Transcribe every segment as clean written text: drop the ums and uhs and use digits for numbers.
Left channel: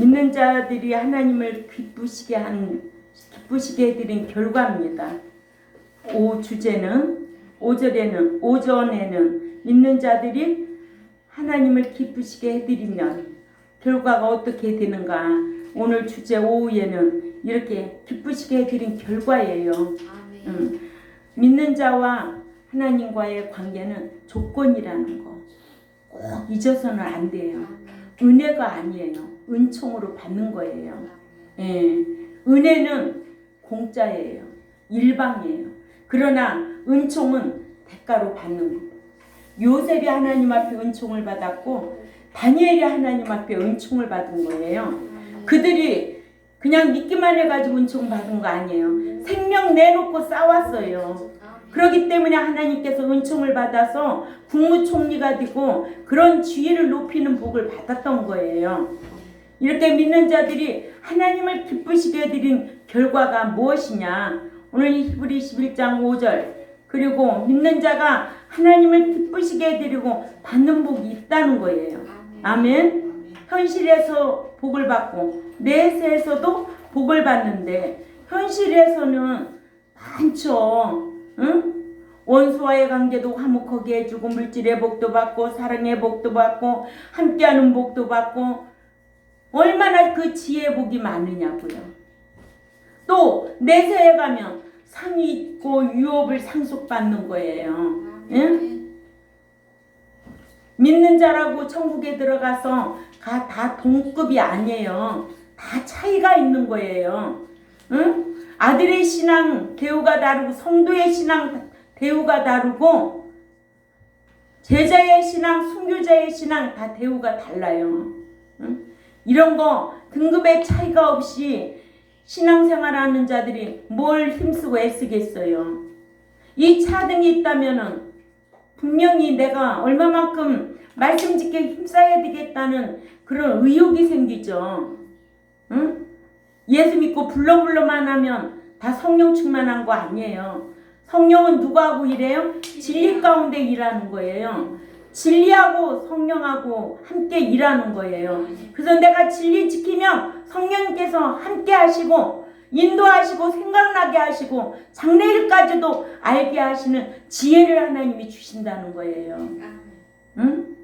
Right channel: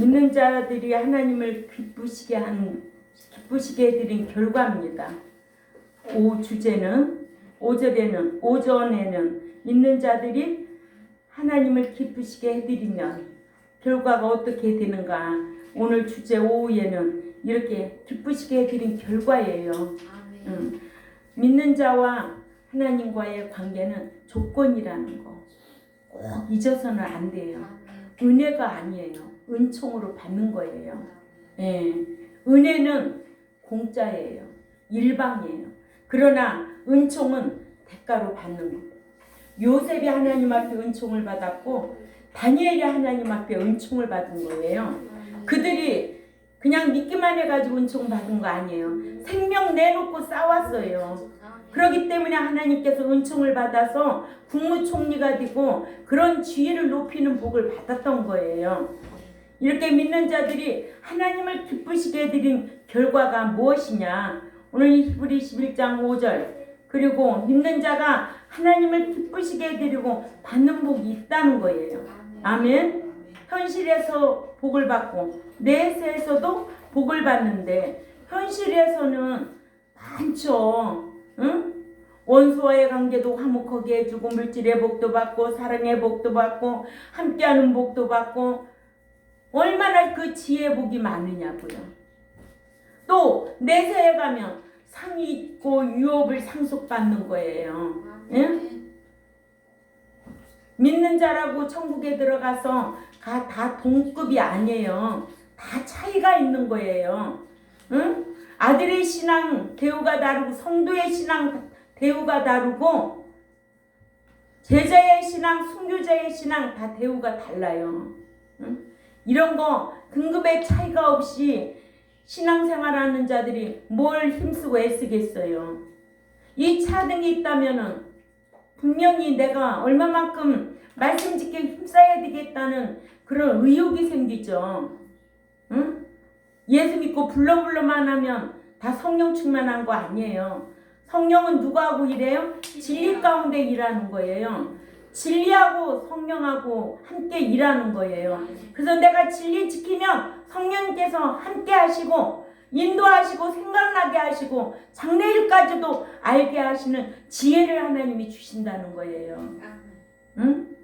믿는 자들이 하나님을 기쁘시게 해드린 결과입니다. 오전에는 믿는 자들이 하나님을 기쁘시게 해드리면 결과가 어떻게 되는가. 오늘 주제 오후에는 이렇게 기쁘시게 해드린 결과예요. 믿는 자와 하나님과의 관계는 조건이라는 거 꼭 잊어서는 안 돼요. 은혜가 아니에요. 은총으로 받는 거예요. 예. 은혜는 공짜예요. 일방이에요. 그러나 은총은 대가로 받는 거예요. 요셉이 하나님 앞에 은총을 받았고 다니엘이 하나님 앞에 은총을 받은 거예요. 그들이 그냥 믿기만 해가지고 은총 받은 거 아니에요. 생명 내놓고 싸웠어요. 그렇기 때문에 하나님께서 은총을 받아서 국무총리가 되고 그런 지위를 높이는 복을 받았던 거예요. 이렇게 믿는 자들이 하나님을 기쁘시게 해드린 결과가 무엇이냐. 오늘 히브리 11장 5절 그리고 믿는 자가 하나님을 기쁘시게 해드리고 받는 복이 있다는 거예요. 아멘. 현실에서 복을 받고 내세에서도 복을 받는데 현실에서는 많죠. 응? 원수와의 관계도 화목하게 해주고 물질의 복도 받고 사랑의 복도 받고 함께하는 복도 받고 얼마나 그 지혜의 복이 많으냐고요. 또 내세에 가면 상이 있고 유업을 상속받는 거예요. 응? 믿는 자라고 천국에 들어가서 다 동급이 아니에요. 다 차이가 있는 거예요. 응? 아들의 신앙 대우가 다르고 성도의 신앙 대우가 다르고 제자의 신앙, 순교자의 신앙 다 대우가 달라요. 응? 이런 거 등급의 차이가 없이 신앙생활하는 자들이 뭘 힘쓰고 애쓰겠어요. 이 차등이 있다면은 분명히 내가 얼마만큼 말씀 짓게 힘써야 되겠다는 그런 의욕이 생기죠. 응? 예수 믿고 불러만 하면 다 성령 충만한 거 아니에요. 성령은 누구하고 일해요? 진리 가운데 일하는 거예요. 진리하고 성령하고 함께 일하는 거예요. 그래서 내가 진리 지키면 성령님께서 함께 하시고 인도하시고 생각나게 하시고 장래일까지도 알게 하시는 지혜를 하나님이 주신다는 거예요. 응?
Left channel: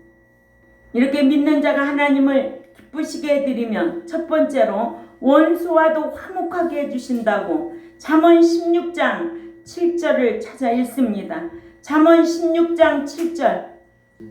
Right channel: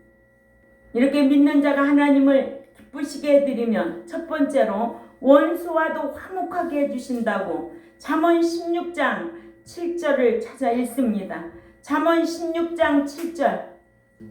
이렇게 믿는 자가 하나님을 기쁘시게 해드리면 첫 번째로 원수와도 화목하게 해주신다고 잠언 16장 7절을 찾아 읽습니다. 잠언 16장 7절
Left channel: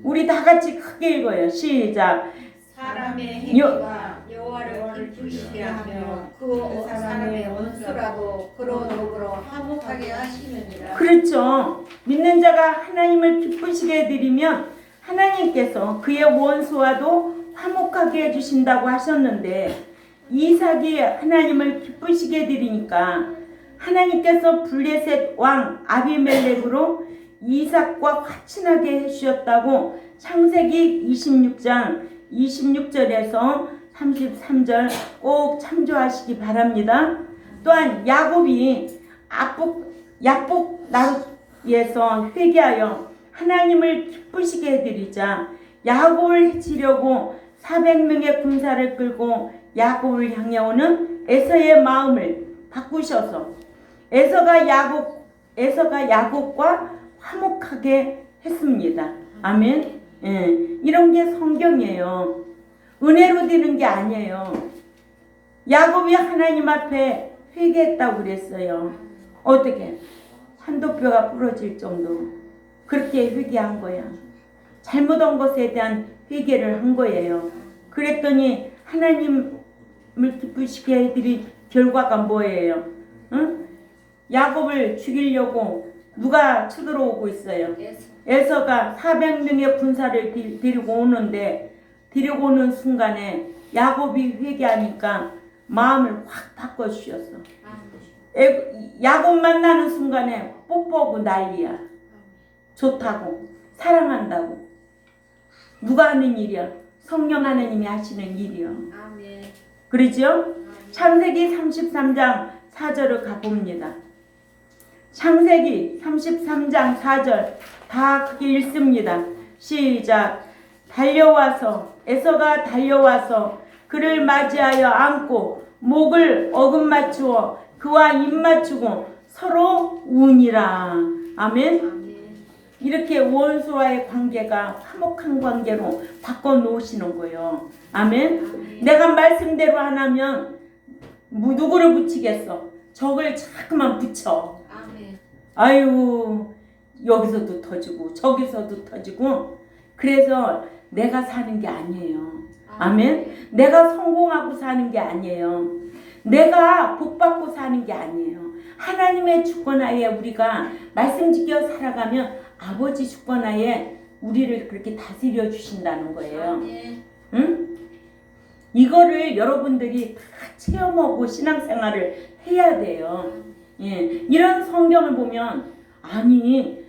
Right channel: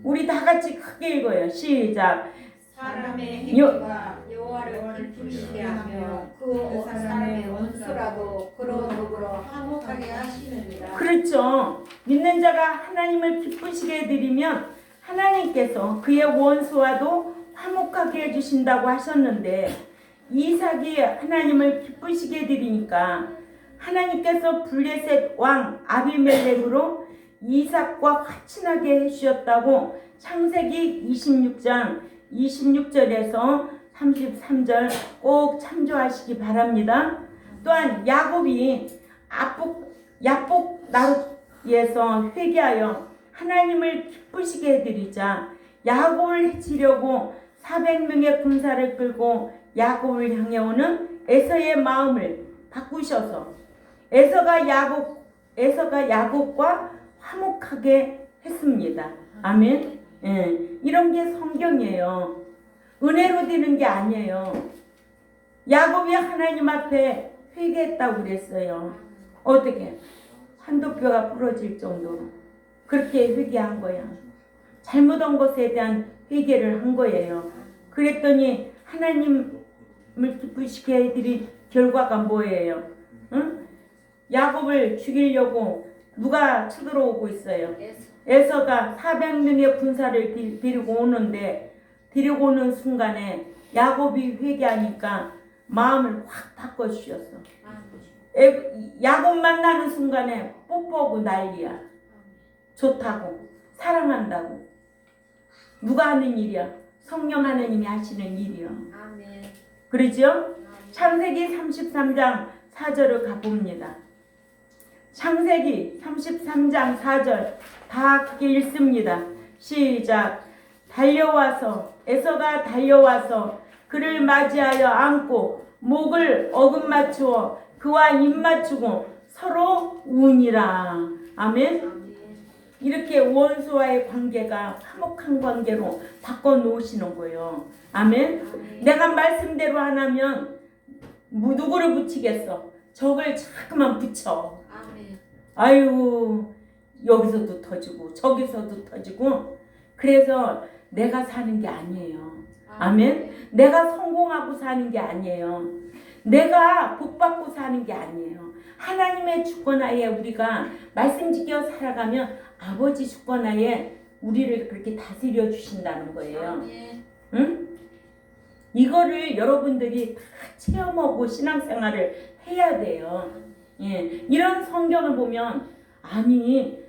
우리 다 같이 크게 읽어요. 시작. 사람의 행위가 여호와를 기쁘시게 하며 그 사람의 원수라도 그러므로 화목하게 하시느니라. 그렇죠. 믿는 자가 하나님을 기쁘시게 해드리면 하나님께서 그의 원수와도 화목하게 해주신다고 하셨는데 이삭이 하나님을 기쁘시게 해드리니까 하나님께서 블레셋 왕 아비멜렉으로 이삭과 화친하게 해주셨다고 창세기 26장 26절에서 33절 꼭 참조하시기 바랍니다. 또한 야곱이 약복 나루에서 회개하여 하나님을 기쁘시게 해드리자 야곱을 해치려고 400명의 군사를 끌고 야곱을 향해 오는 에서의 마음을 바꾸셔서 에서가 야곱과 화목하게 했습니다. 아멘. 예, 이런 게 성경이에요. 은혜로 되는 게 아니에요. 야곱이 하나님 앞에 회개했다고 그랬어요. 어떻게? 한도뼈가 부러질 정도로 그렇게 회개한 거야. 잘못한 것에 대한 회개를 한 거예요. 그랬더니 하나님을 기쁘시게 해드린 결과가 뭐예요? 응? 야곱을 죽이려고 누가 쳐들어오고 있어요? 에서가 400명의 군사를 데리고 오는 순간에 야곱이 회개하니까 마음을 확 바꿔주셨어. 야곱 만나는 순간에 뽀뽀하고 난리야. 좋다고 사랑한다고. 누가 하는 일이야? 성령 하나님이 하시는 일이요. 그러죠? 창세기 33장 4절을 가봅니다. 창세기 33장 4절 다 크게 읽습니다. 시작. 에서가 달려와서 그 그를 맞이하여 안고 목을 어금 맞추어 그와 입 맞추고 서로 우니라. 아멘. 이렇게 원수와의 관계가 화목한 관계로 바꿔 놓으시는 거예요. 아멘. 내가 말씀대로 안 하면 누구를 붙이겠어? 적을 자꾸만 붙여. 아유, 여기서도 터지고 저기서도 터지고. 그래서 내가 사는 게 아니에요. 아멘. 내가 성공하고 사는 게 아니에요. 내가 복받고 사는 게 아니에요. 하나님의 주권하에 우리가 말씀 지켜 살아가면 아버지 주권하에 우리를 그렇게 다스려 주신다는 거예요. 응? 이거를 여러분들이 다 체험하고 신앙생활을 해야 돼요. 예, 이런 성경을 보면 아니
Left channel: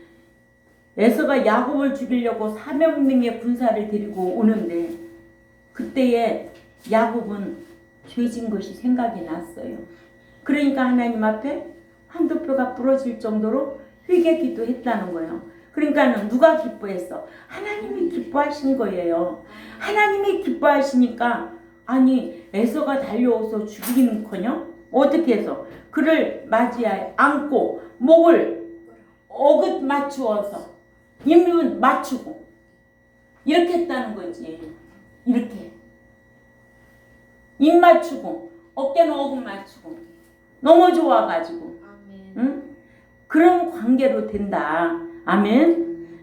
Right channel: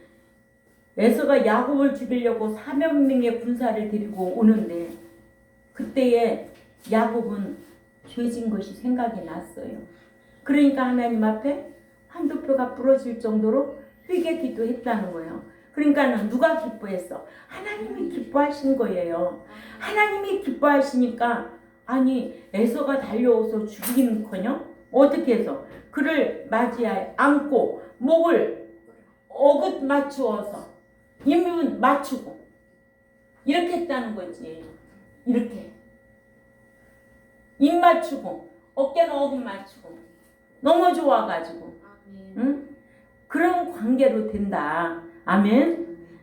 에서가 야곱을 죽이려고 400명의 군사를 데리고 오는데 그때에 야곱은 죄진 것이 생각이 났어요. 그러니까 하나님 앞에 한두 뼈가 부러질 정도로 회개 기도했다는 거예요. 그러니까는 누가 기뻐했어? 하나님이 기뻐하신 거예요. 하나님이 기뻐하시니까 아니 에서가 달려와서 죽이는커녕 어떻게 해서 그를 맞이하여 안고 목을 어긋 맞추어서 입은 맞추고 이렇게 했다는 거지. 이렇게 입 맞추고 어깨는 어긋 맞추고 너무 좋아가지고 응? 그런 관계로 된다. 아멘.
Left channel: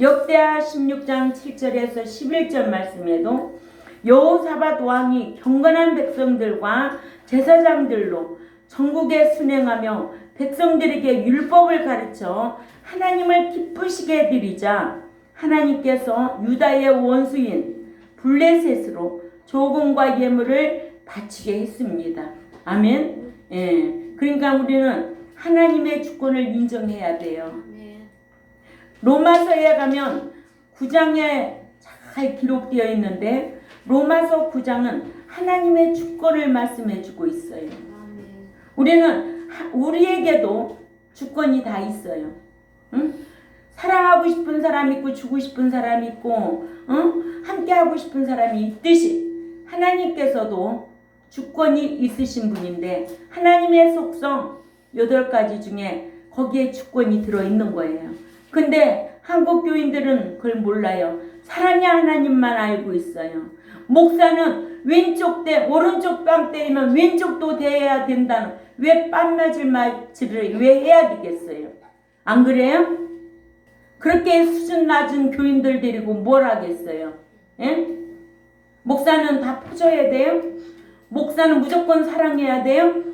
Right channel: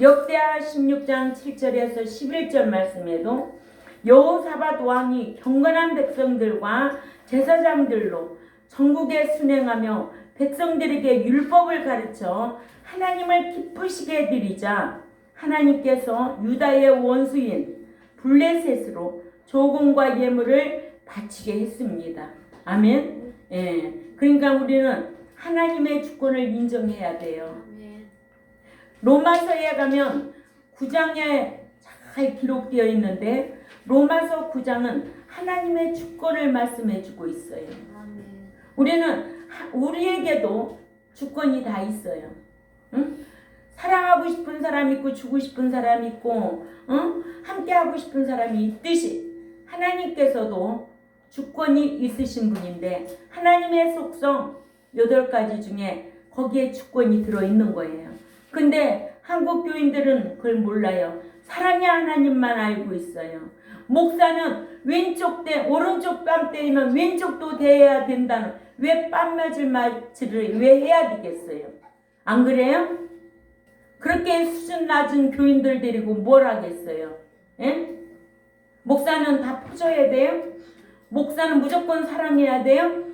역대하 16장 7절에서 11절 말씀에도 여호사밧 왕이 경건한 백성들과 제사장들로 전국에 순행하며 백성들에게 율법을 가르쳐 하나님을 기쁘시게 해드리자 하나님께서 유다의 원수인 블레셋으로 조공과 예물을 바치게 했습니다. 아멘. 그러니까 우리는 하나님의 주권을 인정해야 돼요. 로마서에 가면 9장에 잘 기록되어 있는데 로마서 9장은 하나님의 주권을 말씀해 주고 있어요. 우리에게도 주권이 다 있어요. 응? 사랑하고 싶은 사람 있고 주고 싶은 사람 있고 함께 하고 싶은 사람이 있듯이 하나님께서도 주권이 있으신 분인데 하나님의 속성 8가지 중에 거기에 주권이 들어있는 거예요. 근데 한국 교인들은 그걸 몰라요. 사랑의 하나님만 알고 있어요. 목사는 왼쪽 때 오른쪽 뺨 때리면 왼쪽도 대해야 된다는 왜 뺨 맞을 말을 왜 해야 되겠어요? 안 그래요? 그렇게 수준 낮은 교인들 데리고 뭘 하겠어요? 예? 목사는 다 퍼줘야 돼요? 목사는 무조건 사랑해야 돼요?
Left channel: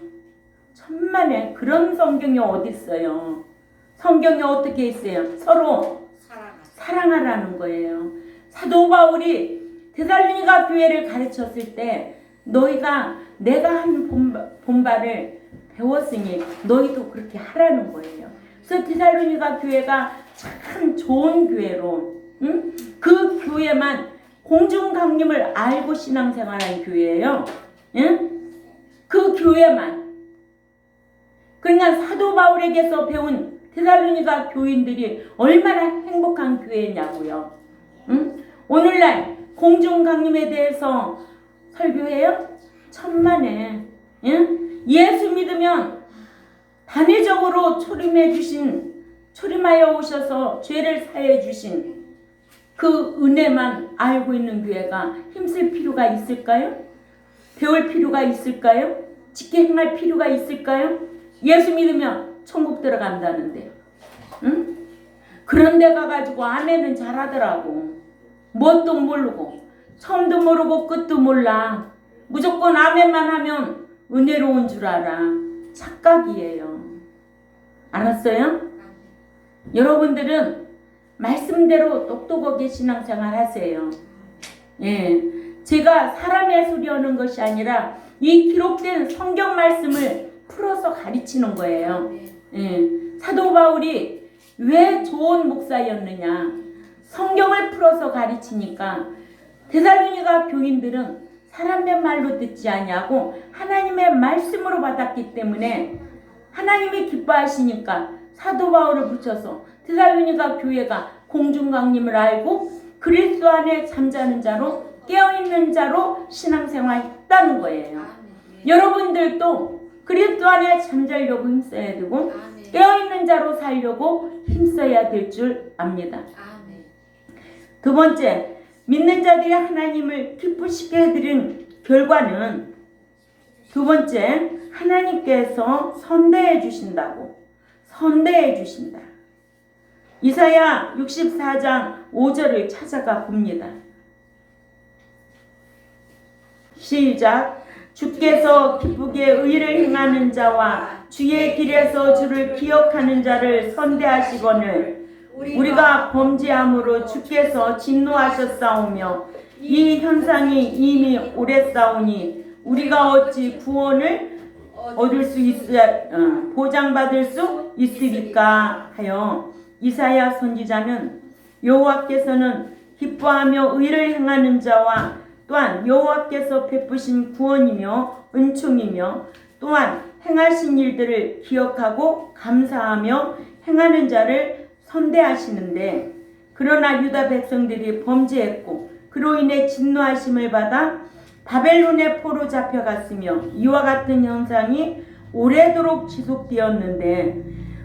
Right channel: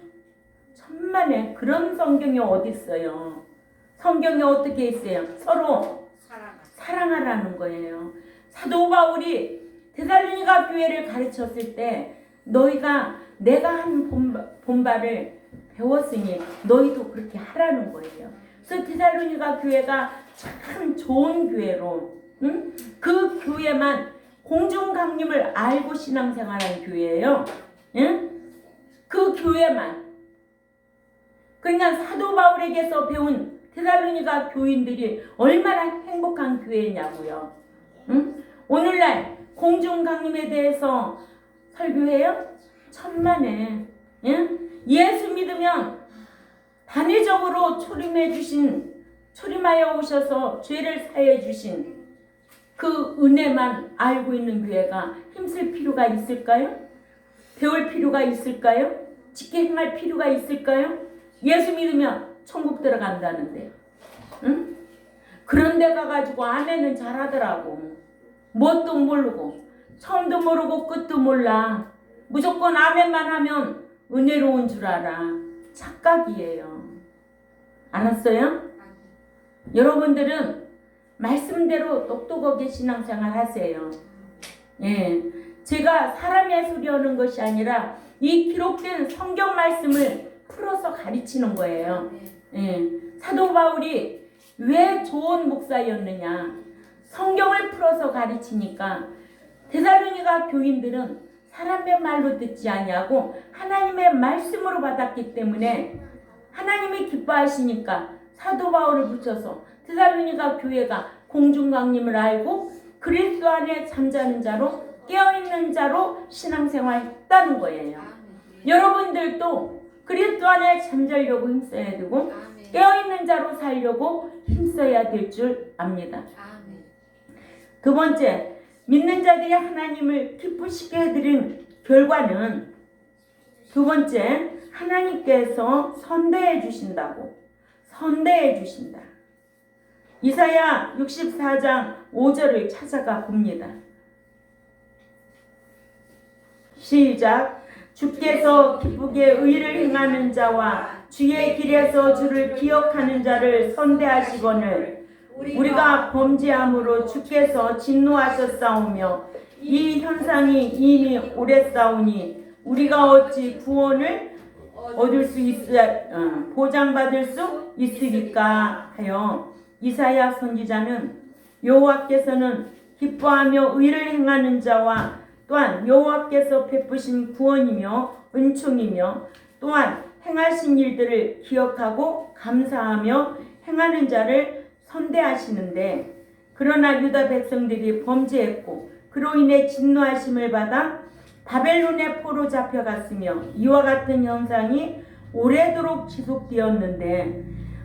천만에 그런 성경이 어디 있어요? 성경이 어떻게 있어요? 서로 사랑하라는 거예요. 사도 바울이 데살로니가 교회를 가르쳤을 때 너희가 내가 한 본바를 배웠으니 너희도 그렇게 하라는 거예요. 그래서 데살로니가 교회가 참 좋은 교회로 그 교회만 공중강림을 알고 신앙생활한 교회예요. 그 교회만. 그러니까 사도 바울에게서 배운 데살로니가 교인들이 얼마나 행복한 교회냐고요. 오늘날 공중강림에 대해서 설교해요? 천만에. 예수 믿으면 단회적으로 초림하여 오셔서 죄를 사해 주신 그 은혜만 알고 있는 교회가 힘쓸 필요가 있을까요? 배울 필요가 있을까요? 지켜 행할 필요가 있을까요? 예수 믿으면 천국 들어간다는데. 응? 그런 데 가가지고 아멘은 잘하더라고. 뭣도 모르고 처음도 모르고 끝도 몰라. 무조건 아멘만 하면 은혜로운 줄 알아. 착각이에요. 알았어요? 여러분들은 말씀대로 똑똑하게 신앙생활 하세요. 예, 제가 사람의 소리 하는 것이 아니라 이 기록된 성경 말씀을 풀어서 가르치는 거예요. 예, 사도 바울이 왜 좋은 목사였느냐? 성경을 풀어서 가르치니까 데살로니가 교인들은 사람의 말로 듣지 아니하고 하나님의 말씀으로 받았기 때문에 하나님이 기뻐하시니까 사도 바울을 붙여서 데살로니가 교회가 공중강림을 알고 그리스도 안에 잠자는 자로 깨어있는 자로 신앙생활 했다는 거예요. 여러분들도 그리스도 안에 잠자려고 힘써야 되고 깨어있는 자로 살려고 힘써야 될 줄 압니다. 두 번째, 믿는 자들이 하나님을 기쁘시게 해드린 결과는 두 번째, 하나님께서 선대해 주신다고. 선대해 주신다. 이사야 64장 5절을 찾아가 봅니다. 시작. 주께서 기쁘게 의를 행하는 자와 주의 길에서 주를 기억하는 자를 선대하시거늘 우리가 범죄함으로 주께서 진노하셨사오며 이 현상이 이미 오랬사오니 우리가 어찌 구원을 얻을 수 보장받을 수 있으리까 하여 이사야 선지자는 여호와께서는 기뻐하며 의를 행하는 자와 또한 여호와께서 베푸신 구원이며 은총이며 또한 행하신 일들을 기억하고 감사하며 행하는 자를 선대하시는데 그러나 유다 백성들이 범죄했고 그로 인해 진노하심을 받아 바벨론의 포로 잡혀갔으며 이와 같은 현상이 오래도록 지속되었는데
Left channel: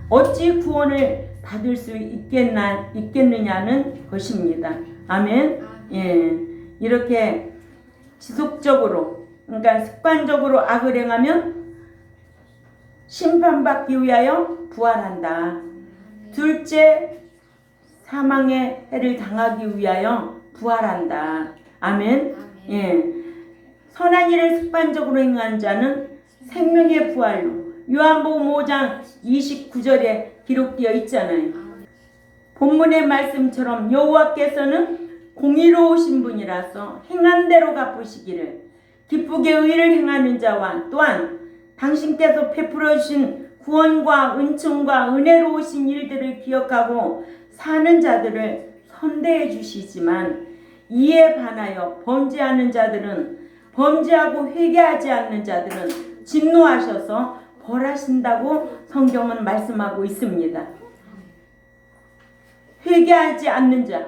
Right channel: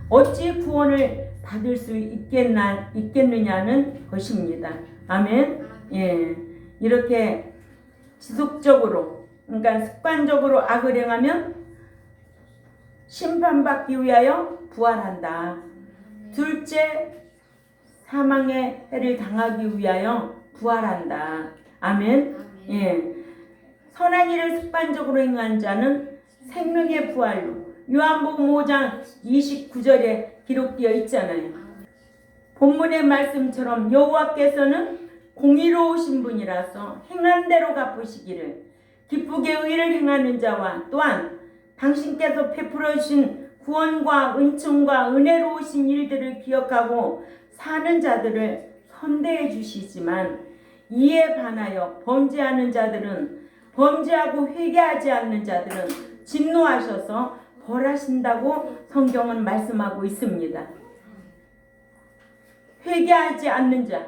어찌 구원을 받을 수 있겠느냐는 것입니다. 아멘. 예, 이렇게 지속적으로 그러니까 습관적으로 악을 행하면 심판받기 위하여 부활한다. 둘째, 사망의 해를 당하기 위하여 부활한다. 아멘. 예. 선한 일을 습관적으로 행한 자는 생명의 부활로 요한복음 5장 29절에 기록되어 있잖아요. 본문의 말씀처럼 여호와께서는 공의로우신 분이라서 행한 대로 갚으시기를 기쁘게 의를 행하는 자와 또한 당신께서 베풀어 주신 구원과 은총과 은혜로우신 일들을 기억하고 사는 자들을 선대해 주시지만 이에 반하여 범죄하는 자들은 범죄하고 회개하지 않는 자들은 진노하셔서 벌하신다고 성경은 말씀하고 있습니다. 회개하지 않는 자,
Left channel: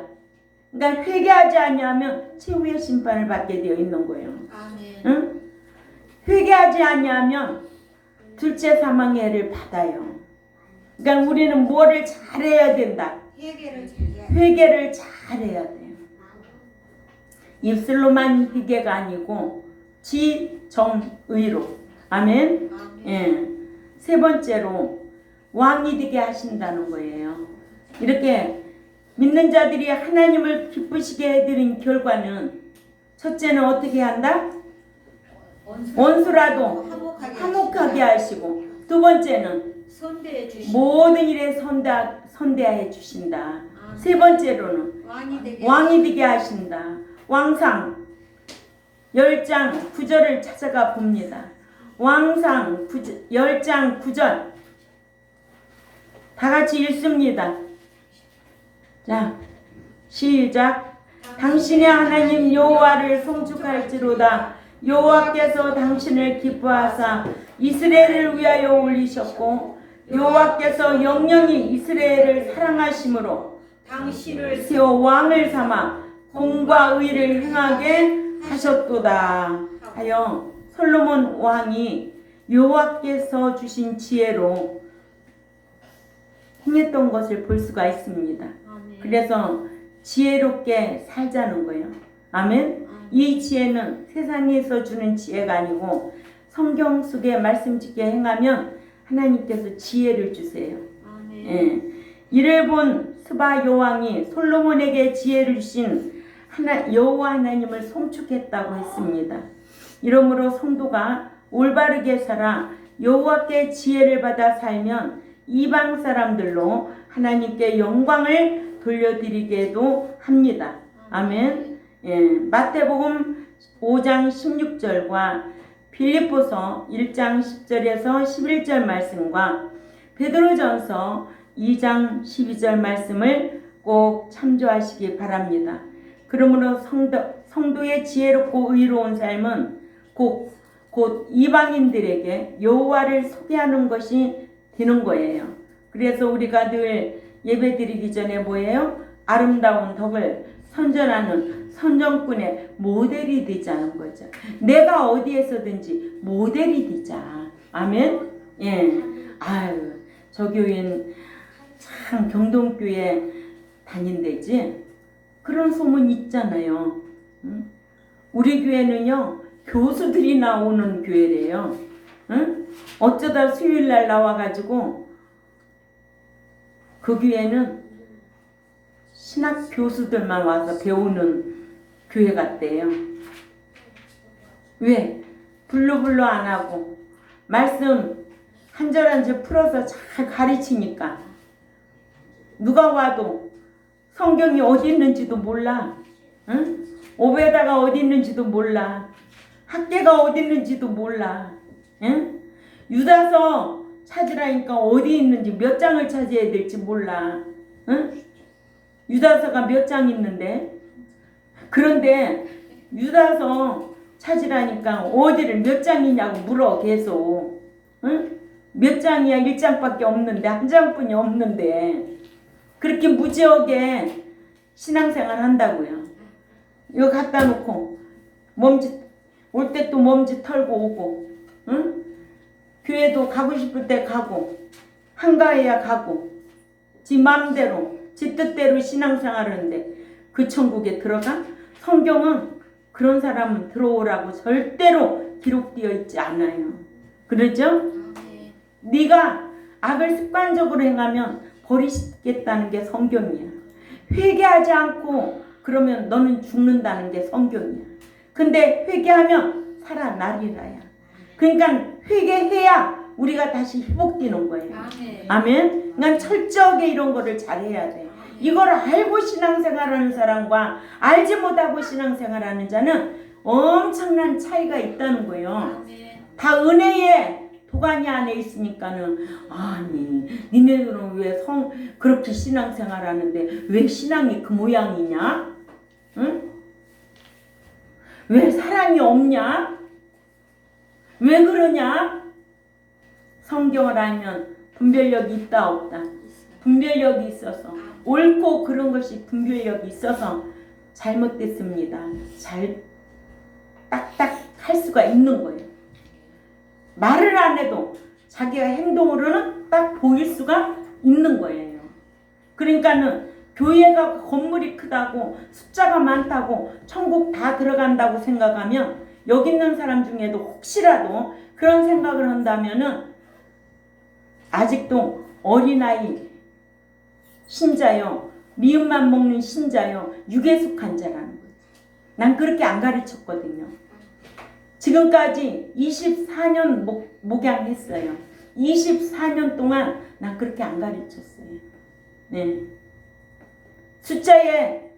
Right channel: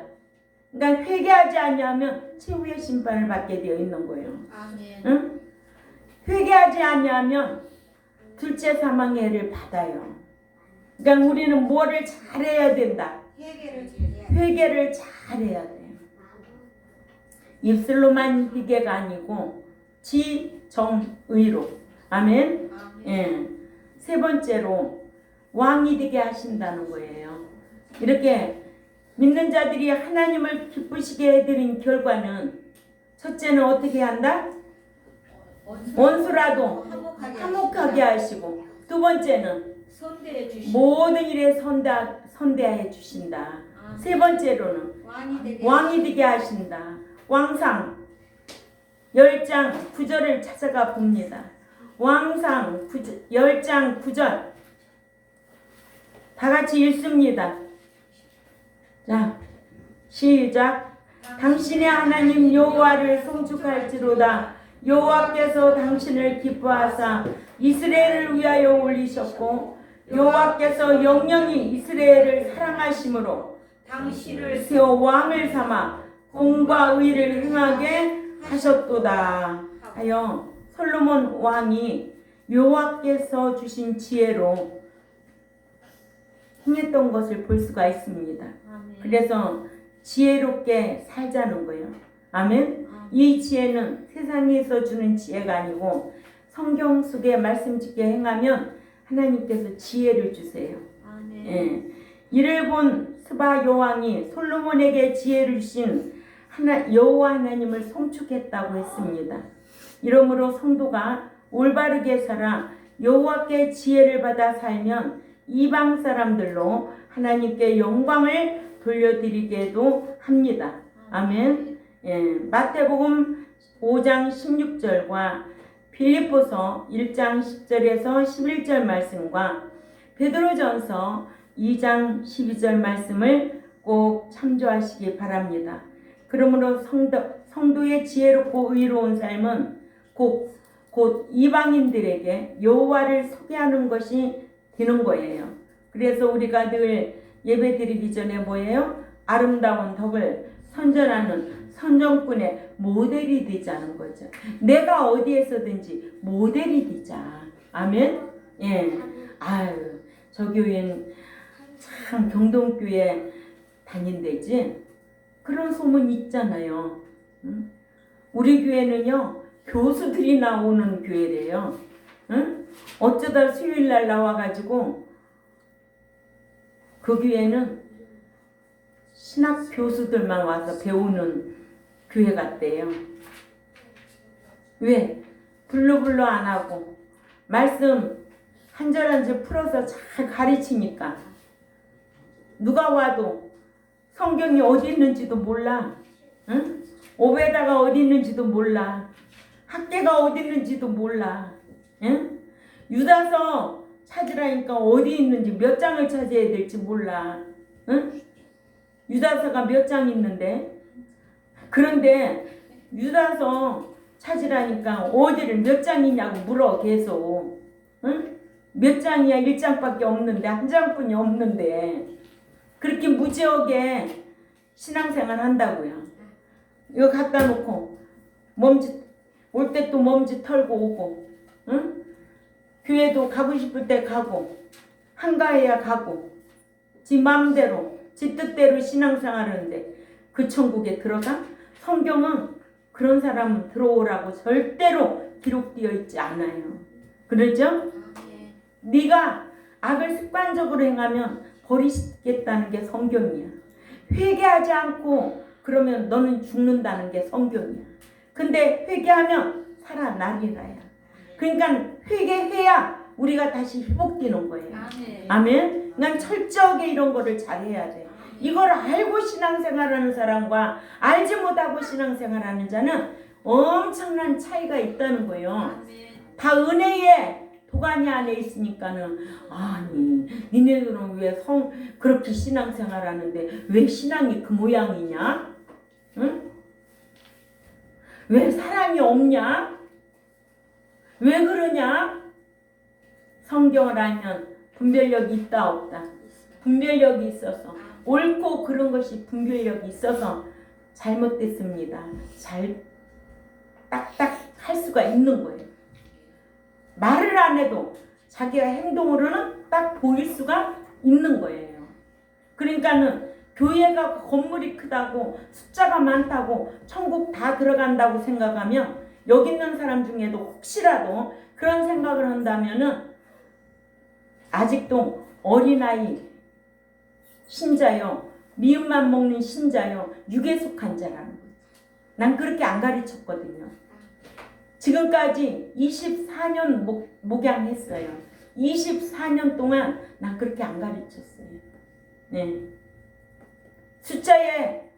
그러니까 회개하지 않냐면 최후의 심판을 받게 되어 있는 거예요. 응? 회개하지 않냐면 둘째 사망의 해를 받아요. 그러니까 우리는 뭐를 잘해야 된다. 회개를 잘해야 돼요. 입술로만 회개가 아니고 지정의로. 아멘. 예. 세 번째로 왕이 되게 하신다는 거예요. 이렇게 믿는 자들이 하나님을 기쁘시게 해드린 결과는 첫째는 어떻게 한다? 원수라도 화목하게 하시고 두 번째는 모든 일에 선대해 주신다. 세 번째로는 왕이 되게 하신다. 왕상 10장 9절을 찾아가 봅니다. 왕상 10장 9절 다 같이 읽습니다. 자, 시작. 당신의 하나님 여호와를 송축할지로다. 여호와께서 당신을 기뻐하사 이스라엘을 위하여 올리셨고 여호와께서 영영이 이스라엘을 사랑하심으로 당신을 세워 왕을 삼아 공과 의를 행하게 하셨도다 하여 솔로몬 왕이 여호와께서 주신 지혜로 행했던 것을 볼 수가 있습니다. 그래서 지혜롭게 살자는 거예요. 아멘. 이 지혜는 세상에서 주는 지혜가 아니고 성경 속에 말씀짓게 행하면 하나님께서 지혜를 주세요. 예. 이를 본 스바 여왕이 솔로몬에게 지혜를 주신 여호와 하나님을 송축했다고 했습니다. 이러므로 성도가 올바르게 살아 여호와께 지혜를 받아 살면 이방 사람들로 하나님께 영광을 돌려드리게도 합니다. 아멘. 예, 마태복음 5장 16절과 빌립보서 1장 10절에서 11절 말씀과 베드로전서 2장 12절 말씀을 꼭 참조하시기 바랍니다. 그러므로 성도의 지혜롭고 의로운 삶은 곧 이방인들에게 여호와를 소개하는 것이 되는 거예요. 그래서 우리가 늘 예배드리기 전에 뭐예요? 아름다운 덕을 선전하는 선정꾼의 모델이 되자는 거죠. 내가 어디에서든지 모델이 되자. 아멘. 예. 아유, 저 교회는 참 경동교회 다닌대지. 그런 소문 있잖아요. 응? 우리 교회는요 교수들이 나오는 교회래요. 응? 어쩌다 수요일날 나와가지고 그 교회는 신학 교수들만 와서 배우는 교회 같대요. 왜? 불러불러 안 하고 말씀 한 절 한 절 풀어서 잘 가르치니까 누가 와도 성경이 어디 있는지도 몰라. 응? 오베다가 어디 있는지도 몰라. 학계가 어디 있는지도 몰라. 응? 유다서 찾으라니까 어디 있는지 몇 장을 찾아야 될지 몰라. 응? 유다서가 몇 장 있는데 그런데 유다서 찾으라니까 어디를 몇 장이냐고 물어 계속. 응? 몇 장이야? 1장밖에 없는데 한 장뿐이 없는데 그렇게 무지하게 신앙생활 한다고요. 이거 갖다 놓고 몸짓 올 때 또 몸짓 털고 오고, 응? 교회도 가고 싶을 때 가고 한가해야 가고 지 마음대로 지 뜻대로 신앙생활하는데 그 천국에 들어가? 성경은 그런 사람은 들어오라고 절대로 기록되어 있지 않아요. 그러죠? 네가 악을 습관적으로 행하면 버리시겠다는 게 성경이야. 회개하지 않고 그러면 너는 죽는다는 게 성경이야. 근데 회개하면 살아나리라야. 그러니까 회개해야 우리가 다시 회복되는 거예요. 아멘. 난 철저하게 이런 거를 잘해야 돼. 이걸 알고 신앙생활하는 사람과 알지 못하고 신앙생활하는 자는 엄청난 차이가 있다는 거예요. 다 은혜의 도가니 안에 있으니까는 아니 니네들은 왜 그렇게 신앙생활하는데 왜 신앙이 그 모양이냐? 응? 왜 사랑이 없냐? 왜 그러냐? 성경을 알면 분별력이 있다 없다. 분별력이 있어서 옳고 그런 것이 분별력이 있어서 잘못됐습니다. 잘 딱딱 할 수가 있는 거예요. 말을 안 해도 자기가 행동으로는 딱 보일 수가 있는 거예요. 그러니까는 교회가 건물이 크다고 숫자가 많다고 천국 다 들어간다고 생각하면 여기 있는 사람 중에도 혹시라도 그런 생각을 한다면은 아직도 어린아이 신자요, 미음만 먹는 신자요, 육에 속한 자라는 거예요. 난 그렇게 안 가르쳤거든요. 지금까지 24년 목양했어요. 24년 동안 난 그렇게 안 가르쳤어요. 네. 숫자에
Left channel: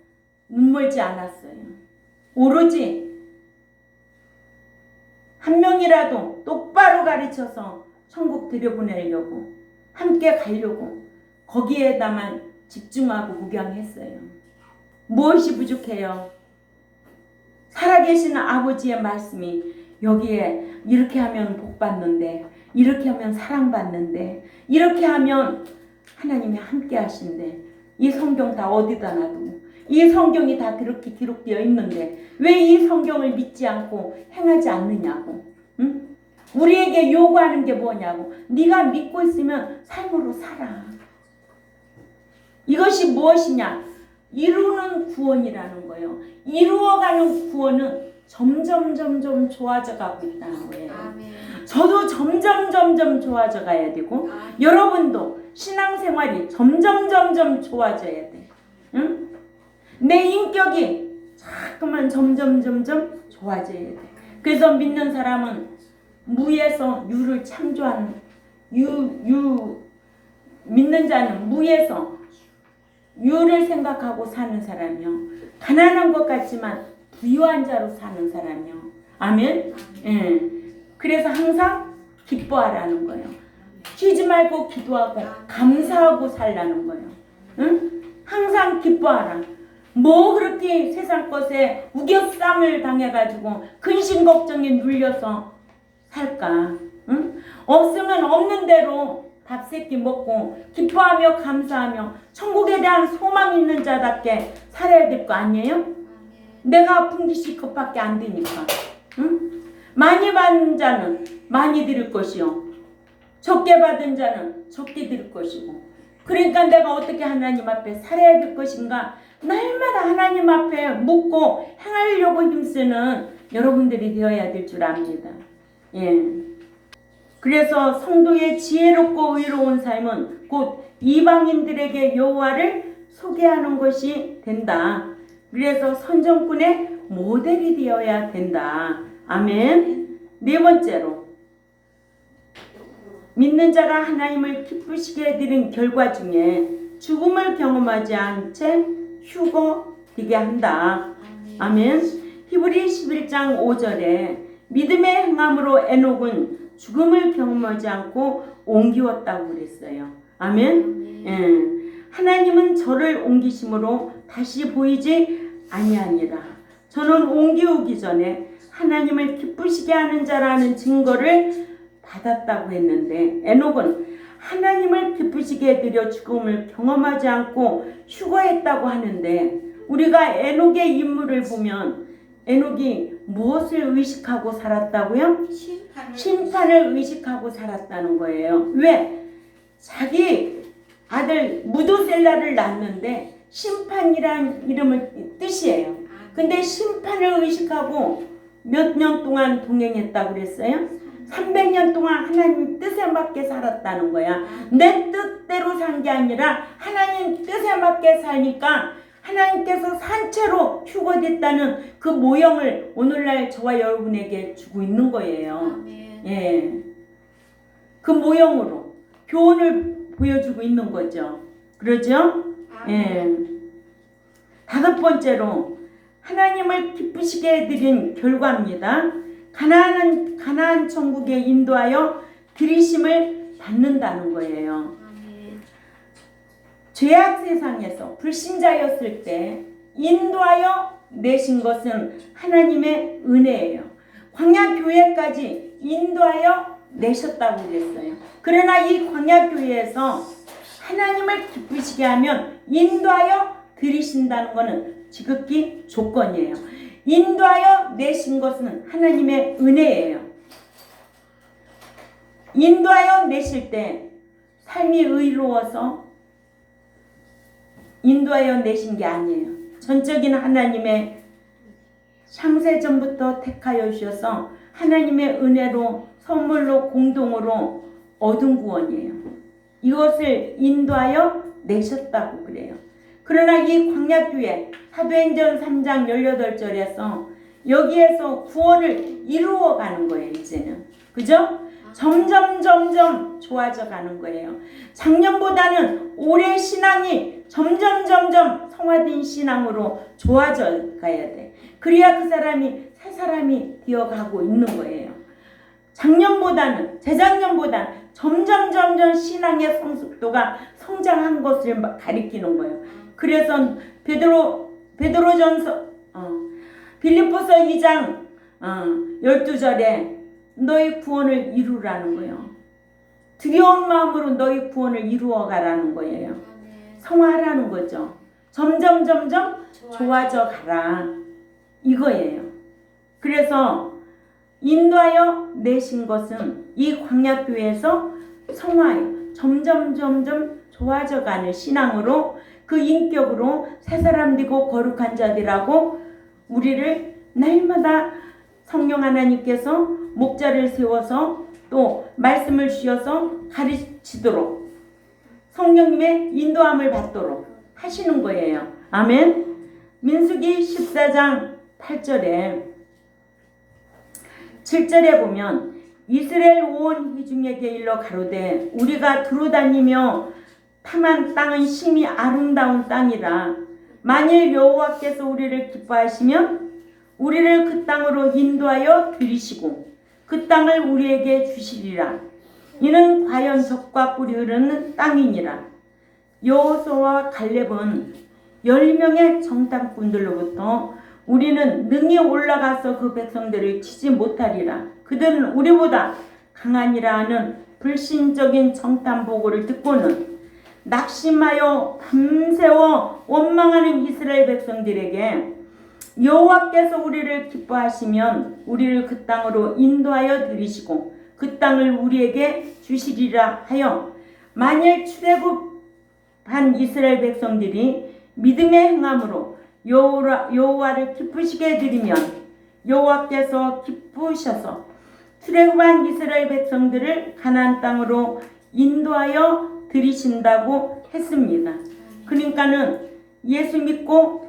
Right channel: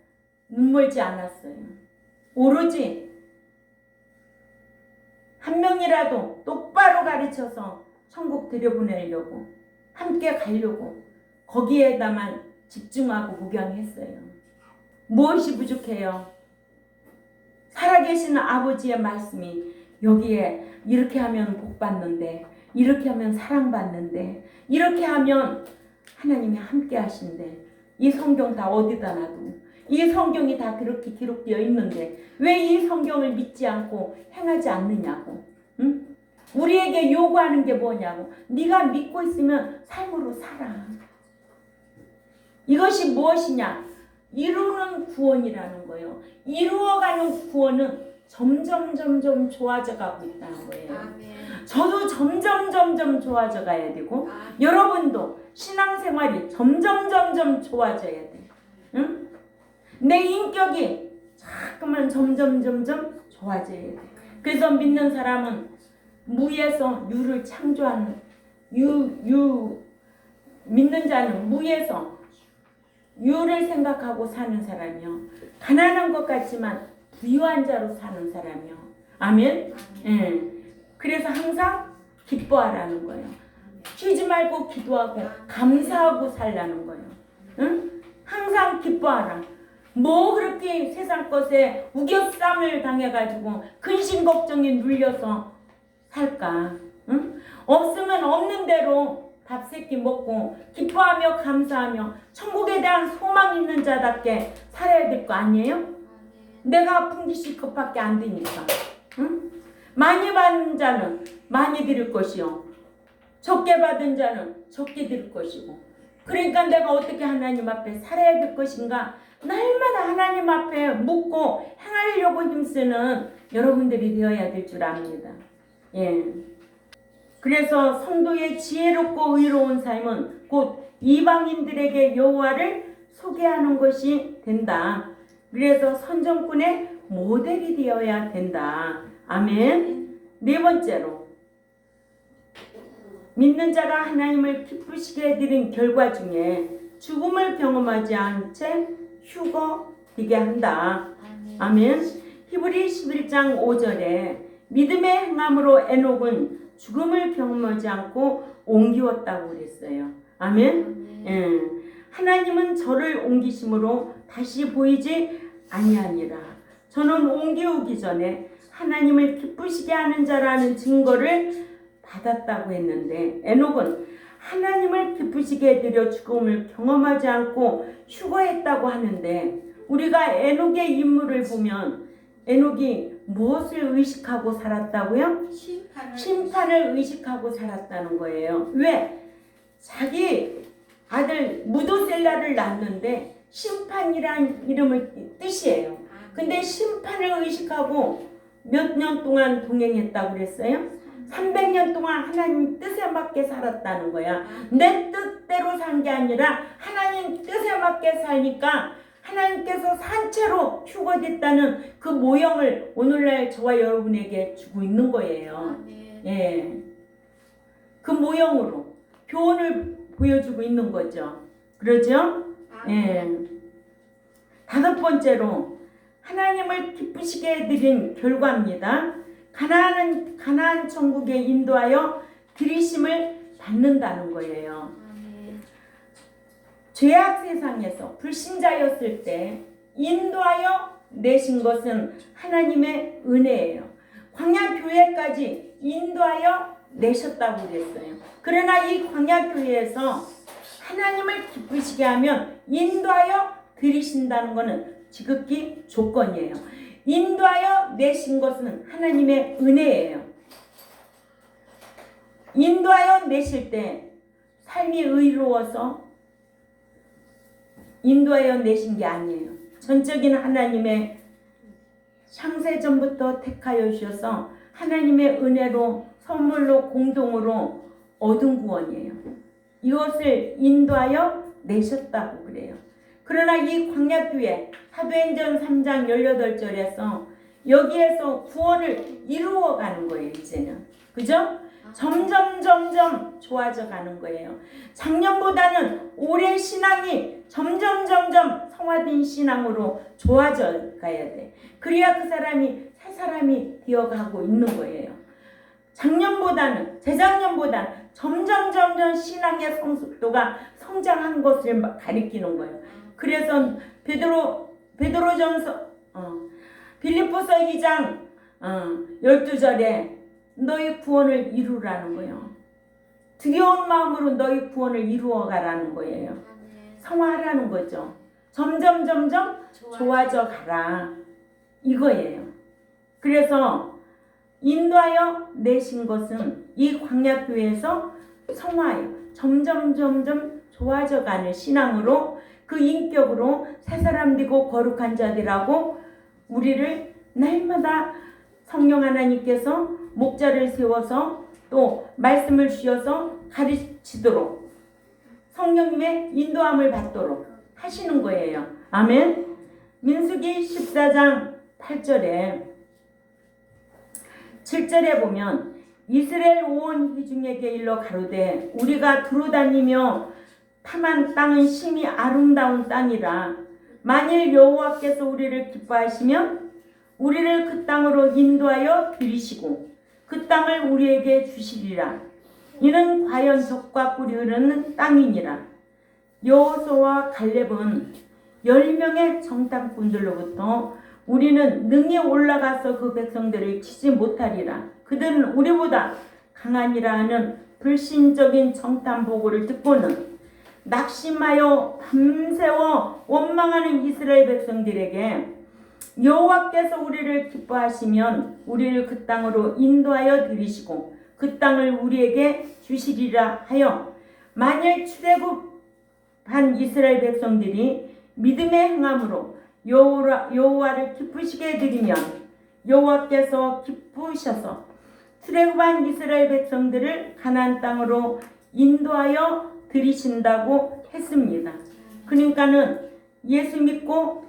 눈멀지 않았어요. 오로지 한 명이라도 똑바로 가르쳐서 천국 들여보내려고 함께 가려고 거기에다만 집중하고 목양했어요. 무엇이 부족해요? 살아계시는 아버지의 말씀이 여기에 이렇게 하면 복 받는데, 이렇게 하면 사랑받는데, 이렇게 하면 하나님이 함께 하신대. 이 성경 다 어디다 놔두고 이 성경이 다 그렇게 기록되어 있는데 왜 이 성경을 믿지 않고 행하지 않느냐고. 응? 우리에게 요구하는 게 뭐냐고. 네가 믿고 있으면 삶으로 살아. 이것이 무엇이냐? 이루는 구원이라는 거예요. 이루어가는 구원은 점점 좋아져 가고 있다는 거예요. 저도 점점 좋아져 가야 되고 여러분도 신앙생활이 점점 좋아져야 돼. 응? 내 인격이 자꾸만 점점 좋아져야 돼. 그래서 믿는 사람은 무에서 유를 창조하는 믿는 자는 무에서 유를 생각하고 사는 사람이요. 가난한 것 같지만 부유한 자로 사는 사람이요. 아멘? 예. 그래서 항상 기뻐하라는 거예요. 쉬지 말고 기도하고 감사하고 살라는 거예요. 응? 항상 기뻐하라. 뭐 그렇게 세상 것에 우겨쌈을 당해가지고 근심 걱정에 눌려서 살까? 응? 없으면 없는 대로 밥 세끼 먹고 기뻐하며 감사하며 천국에 대한 소망 있는 자답게 살아야 될 거 아니에요? 내가 아픈 것이 그것밖에 안 되니까. 응? 많이 받은 자는 많이 드릴 것이요, 적게 받은 자는 적게 드릴 것이고. 그러니까 내가 어떻게 하나님 앞에 살아야 될 것인가, 날마다 하나님 앞에 묻고 행하려고 힘쓰는 여러분들이 되어야 될 줄 압니다. 예. 그래서 성도의 지혜롭고 의로운 삶은 곧 이방인들에게 여호와를 소개하는 것이 된다. 그래서 선정꾼의 모델이 되어야 된다. 아멘. 네 번째로, 믿는 자가 하나님을 기쁘시게 해드린 결과 중에 죽음을 경험하지 않은 채 휴거되게 한다. 아멘. 히브리 11장 5절에 믿음의 행함으로 에녹은 죽음을 경험하지 않고 옮기었다고 그랬어요. 아멘. 예. 하나님은 저를 옮기심으로 다시 보이지 아니하니라. 저는 옮기우기 전에 하나님을 기쁘시게 하는 자라는 증거를 받았다고 했는데, 에녹은 하나님을 기쁘시게 해드려 죽음을 경험하지 않고 휴거했다고 하는데, 우리가 에녹의 인물을 보면 에녹이 무엇을 의식하고 살았다고요? 심판을 의식하고 살았다는 거예요. 왜? 자기 아들 무두셀라를 낳는데 심판이란 이름을 뜻이에요. 근데 심판을 의식하고 몇 년 동안 동행했다고 그랬어요? 300년 동안 하나님 뜻에 맞게 살았다는 거야. 내 뜻대로 산 게 아니라 하나님 뜻에 맞게 사니까 하나님께서 산채로 휴거됐다는 그 모형을 오늘날 저와 여러분에게 주고 있는 거예요. 예. 그 모형으로 교훈을 보여주고 있는 거죠. 그러죠? 예. 다섯 번째로, 하나님을 기쁘시게 해드린 결과입니다. 가나안 천국에 인도하여 들이심을 받는다는 거예요. 죄악 세상에서 불신자였을 때 인도하여 내신 것은 하나님의 은혜예요. 광야교회까지 인도하여 내셨다고 그랬어요. 그러나 이 광야교회에서 하나님을 기쁘시게 하면 인도하여 들이신다는 것은 지극히 조건이에요. 인도하여 내신 것은 하나님의 은혜예요. 인도하여 내실 때 삶이 의로워서 인도하여 내신 게 아니에요. 전적인 하나님의 창세전부터 택하여 주셔서 하나님의 은혜로 선물로 공동으로 얻은 구원이에요. 이것을 인도하여 내셨다고 그래요. 그러나 이 광야교회 사도행전 3장 18절에서 여기에서 구원을 이루어가는 거예요. 이제는. 그죠? 점점 좋아져 가는 거예요. 작년보다는 올해 신앙이 점점 성화된 신앙으로 좋아져 가야 돼. 그래야 그 사람이 새 사람이 되어가고 있는 거예요. 작년보다는, 재작년보다는 점점 신앙의 성숙도가 성장한 것을 가리키는 거예요. 그래서 베드로전서 빌립보서 2장 12절에 너희 구원을 이루라는 거예요. 두려운 마음으로 너희 구원을 이루어가라는 거예요. 성화하라는 거죠. 점점 좋아져 가라, 이거예요. 그래서 인도하여 내신 것은 이 광야교회에서 성화예요. 점점 좋아져 가는 신앙으로, 그 인격으로 새 사람 되고 거룩한 자들하고 우리를 날마다 성령 하나님께서 목자를 세워서 또 말씀을 주셔서 가르치도록, 성령님의 인도함을 받도록 하시는 거예요. 아멘. 민수기 14장 8절에 7절에 보면 이스라엘 온 회중에게 일러 가로되 우리가 두루다니며 탐한 땅은 심히 아름다운 땅이라. 만일 여호와께서 우리를 기뻐하시면 우리를 그 땅으로 인도하여 들이시고 그 땅을 우리에게 주시리라. 이는 과연 젖과 꿀이 흐르는 땅이니라. 여호수아와 갈렙은 10명의 정탐꾼들로부터 우리는 능히 올라가서 그 백성들을 치지 못하리라. 그들은 우리보다 강하니라 하는 불신적인 정탐 보고를 듣고는 낙심하여 밤새워 원망하는 이스라엘 백성들에게 여호와께서 우리를 기뻐하시면 우리를 그 땅으로 인도하여 들이시고 그 땅을 우리에게 주시리라 하여 만일 출애굽한 이스라엘 백성들이 믿음의 행함으로 여호와를 기쁘시게 드리면 여호와께서 기쁘셔서 출애굽한 이스라엘 백성들을 가나안 땅으로 인도하여 들이신다고 했습니다. 그러니까는 예수 믿고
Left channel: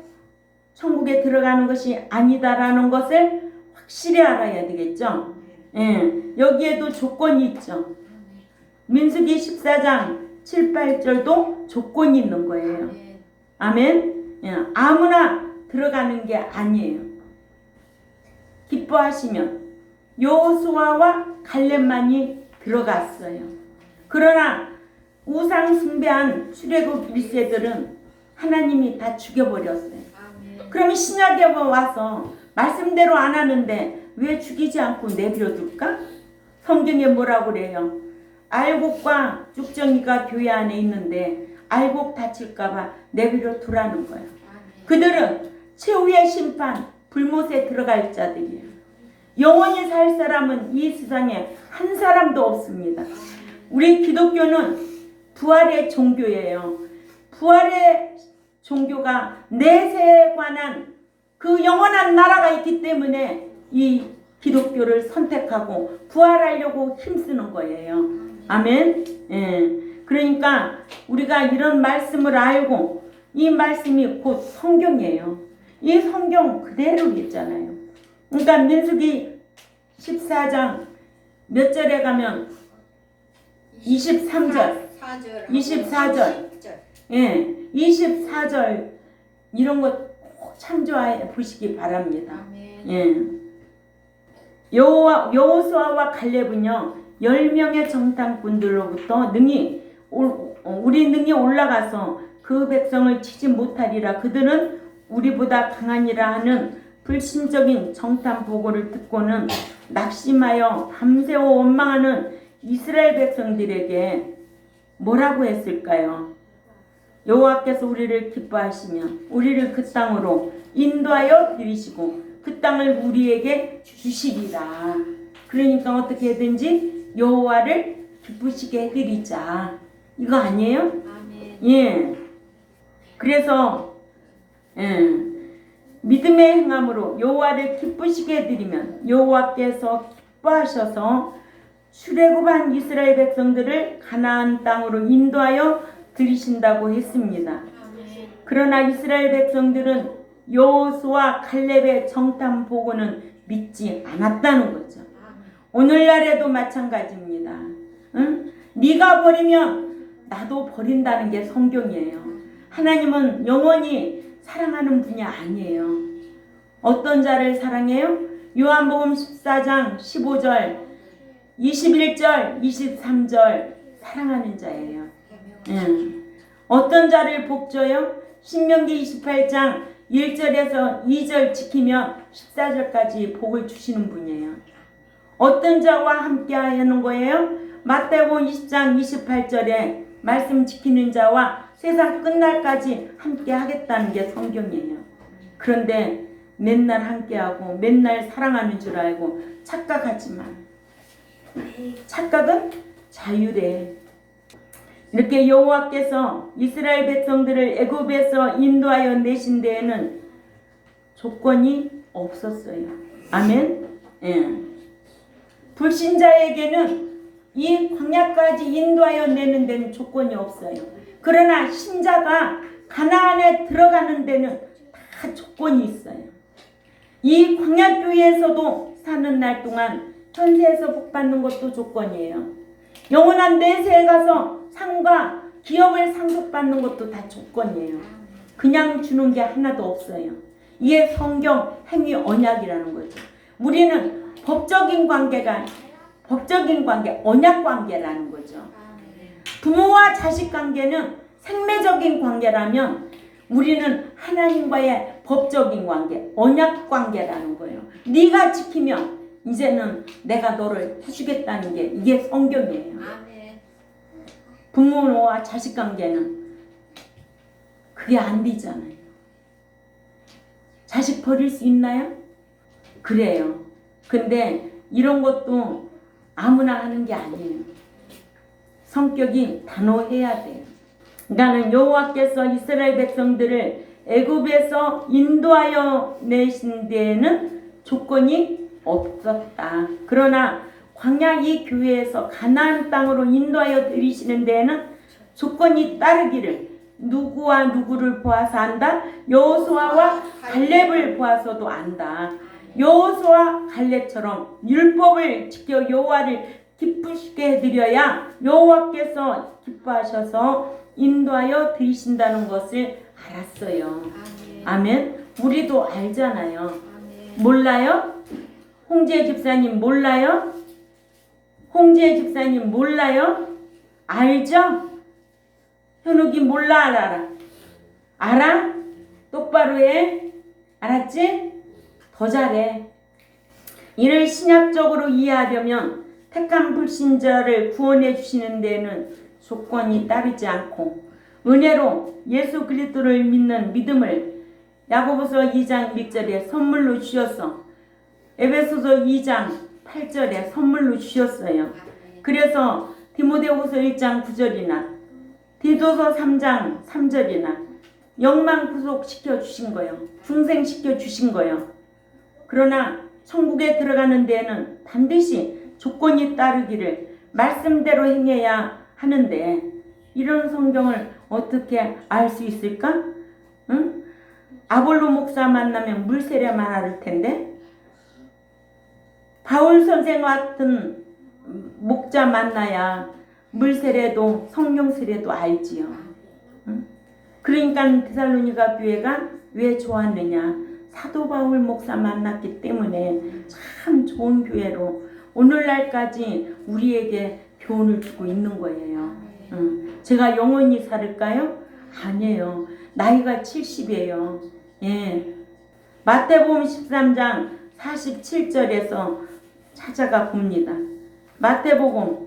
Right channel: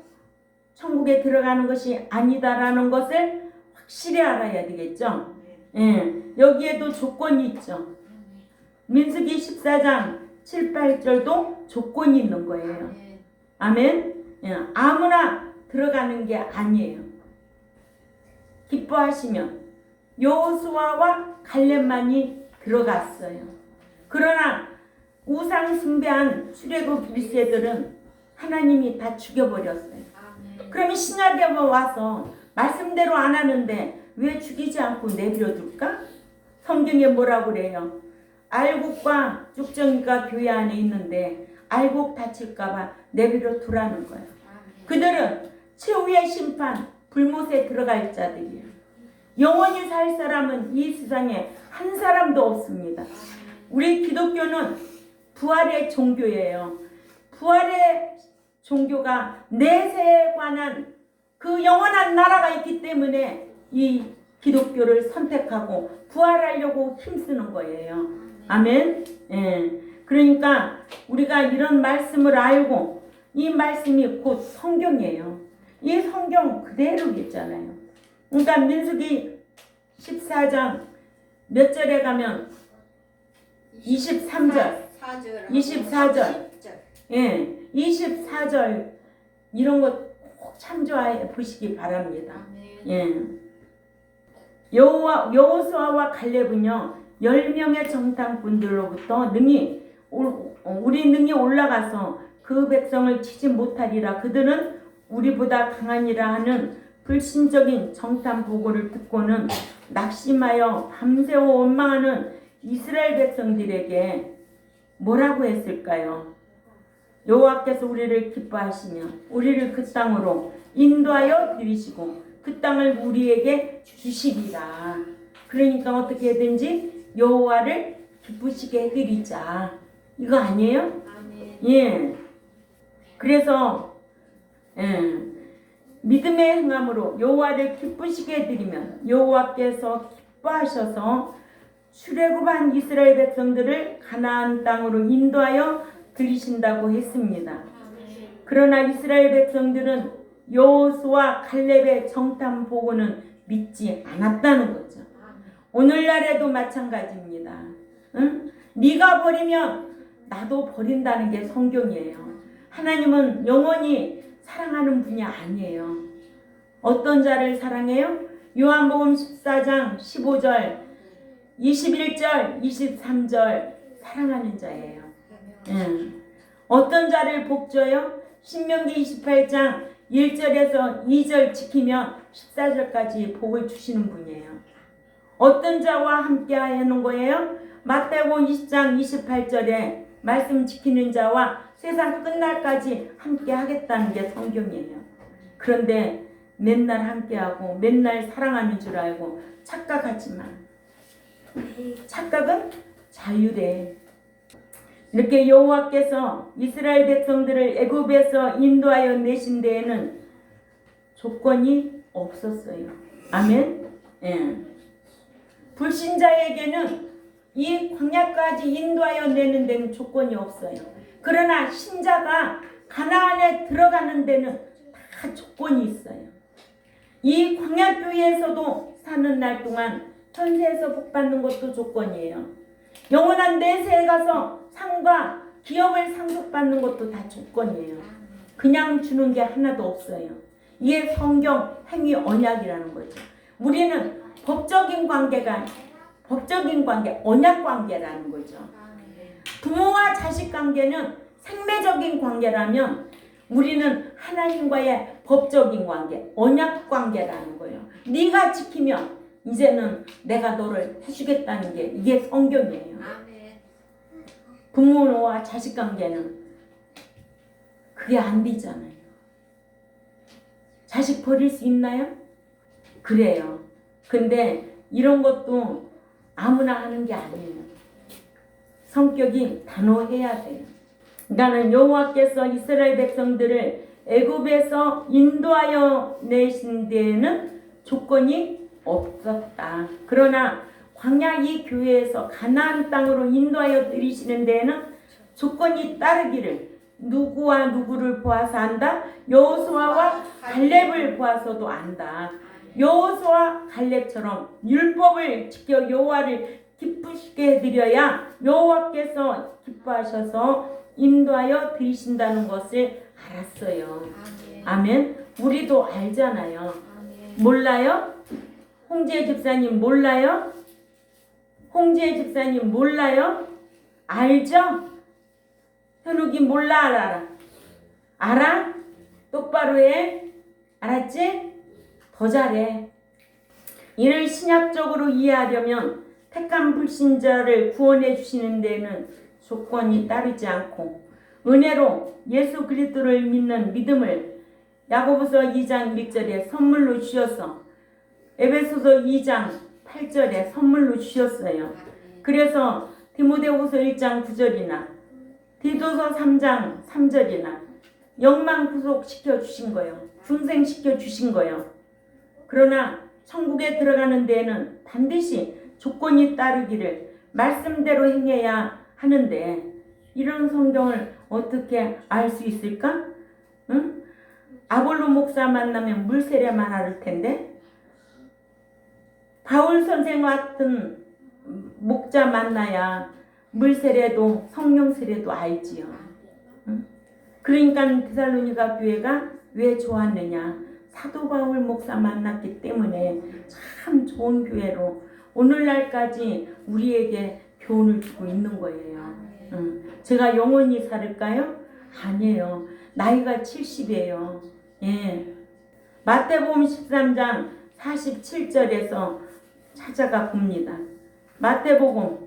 천국에 들어가는 것이 아니다라는 것을 확실히 알아야 되겠죠. 여기에도 조건이 있죠. 민수기 14장 7, 8절도 조건이 있는 거예요. 아멘. 아무나 들어가는 게 아니에요. 기뻐하시면 여호수아와 갈렙만이 들어갔어요. 그러나 우상 숭배한 출애굽 1세들은 하나님이 다 죽여버렸어요. 그러면 신약에 와서 말씀대로 안 하는데 왜 죽이지 않고 내버려 둘까? 성경에 뭐라고 그래요? 알곡과 쭉정이가 교회 안에 있는데 알곡 다칠까봐 내버려 두라는 거예요. 그들은 최후의 심판 불못에 들어갈 자들이에요. 영원히 살 사람은 이 세상에 한 사람도 없습니다. 우리 기독교는 부활의 종교예요. 부활의 종교가 내세에 관한 그 영원한 나라가 있기 때문에 이 기독교를 선택하고 부활하려고 힘쓰는 거예요. 아멘. 그러니까 우리가 이런 말씀을 알고 이 말씀이 곧 성경이에요. 이 성경 그대로 있잖아요. 그러니까 민수기 14장 몇 절에 가면 23절, 24절, 24절 이런 거 꼭 참조해 보시기 바랍니다. 여호수아와 갈렙은요 10명의 정탐꾼들로부터 우리 능히 올라가서 그 백성을 치지 못하리라. 그들은 우리보다 강하니라 하는 불신적인 정탐 보고를 듣고는 낙심하여 밤새워 원망하는 이스라엘 백성들에게 뭐라고 했을까요? 여호와께서 우리를 기뻐하시며 우리를 그 땅으로 인도하여 들이시고 그 땅을 우리에게 주시리라. 그러니까 어떻게 해든지 여호와를 기쁘시게 해드리자. 이거 아니에요? 그래서 믿음의 행함으로 여호와를 기쁘시게 해드리면 여호와께서 기뻐하셔서 출애굽한 이스라엘 백성들을 가나안 땅으로 인도하여 들이신다고 했습니다. 그러나 이스라엘 백성들은 여호수아 갈렙의 정탐 보고는 믿지 않았다는 거죠. 오늘날에도 마찬가지입니다. 네가 버리면 나도 버린다는 게 성경이에요. 하나님은 영원히 사랑하는 분이 아니에요. 어떤 자를 사랑해요? 요한복음 14장 15절 21절 23절 사랑하는 자예요. 어떤 자를 복줘요? 신명기 28장 1절에서 2절 지키면 14절까지 복을 주시는 분이에요. 어떤 자와 함께 하는 거예요? 마태복음 20장 28절에 말씀 지키는 자와 세상 끝날까지 함께 하겠다는 게 성경이에요. 그런데 맨날 함께하고 맨날 사랑하는 줄 알고 착각하지만 착각은 자유래. 이렇게 여호와께서 이스라엘 백성들을 애굽에서 인도하여 내신 데에는 조건이 없었어요. 아멘. 불신자에게는 이 광야까지 인도하여 내는 데는 조건이 없어요. 그러나 신자가 가나안에 들어가는 데는 다 조건이 있어요. 이 광야교회에서도 사는 날 동안 현세에서 복받는 것도 조건이에요. 영원한 내세에 가서 상과 기업을 상속받는 것도 다 조건이에요. 그냥 주는 게 하나도 없어요. 이게 성경 행위 언약이라는 거죠. 우리는 법적인 관계, 언약 관계라는 거죠. 부모와 자식 관계는 생매적인 관계라면 우리는 하나님과의 법적인 관계, 언약 관계라는 거예요. 네가 지키면 이제는 내가 너를 해주겠다는 게 이게 성경이에요. 부모와 자식 관계는 그게 안 되잖아요. 자식 버릴 수 있나요? 그래요. 근데 이런 것도 아무나 하는 게 아니에요. 성격이 단호해야 돼요. 나는 여호와께서 이스라엘 백성들을 애굽에서 인도하여 내신 데에는 조건이 없었다. 그러나 광야 이 교회에서 가나안 땅으로 인도하여 들이시는 데에는 조건이 따르기를 누구와 누구를 보아서 안다. 여호수아와 갈렙을 보아서도 안다. 여호수아 갈렙처럼 율법을 지켜 여호와를 기쁘시게 해드려야 여호와께서 기뻐하셔서 인도하여 드리신다는 것을 알았어요. 아멘. 우리도 알잖아요. 몰라요? 홍지혜 집사님 몰라요? 홍지혜 집사님 몰라요? 알죠? 현욱이 몰라 알아? 알아? 똑바로 해. 알았지? 더 잘해. 이를 신약적으로 이해하려면 택한 불신자를 구원해 주시는 데에는 조건이 따르지 않고 은혜로 예수 그리스도를 믿는 믿음을 야고보서 2장 1절에 선물로 주셔서 에베소서 2장 8절에 선물로 주셨어요. 그래서 디모데후서 1장 9절이나 디도서 3장 3절이나 영망 구속시켜 주신 거예요. 중생시켜 주신 거예요. 그러나 천국에 들어가는 데에는 반드시 조건이 따르기를 말씀대로 행해야 하는데 이런 성경을 어떻게 알 수 있을까? 응? 아볼로 목사 만나면 물세례만 할 텐데 바울 선생 같은 목자 만나야 물세례도 성령 세례도 알지요. 응? 그러니까 데살로니가 교회가 왜 좋았느냐? 사도 바울 목사 만났기 때문에 참 좋은 교회로 오늘날까지 우리에게 교훈을 주고 있는 거예요. 제가 영원히 살을까요? 아니에요. 나이가 70이에요. 예. 마태복음 13장 47절에서 찾아가 봅니다. 마태복음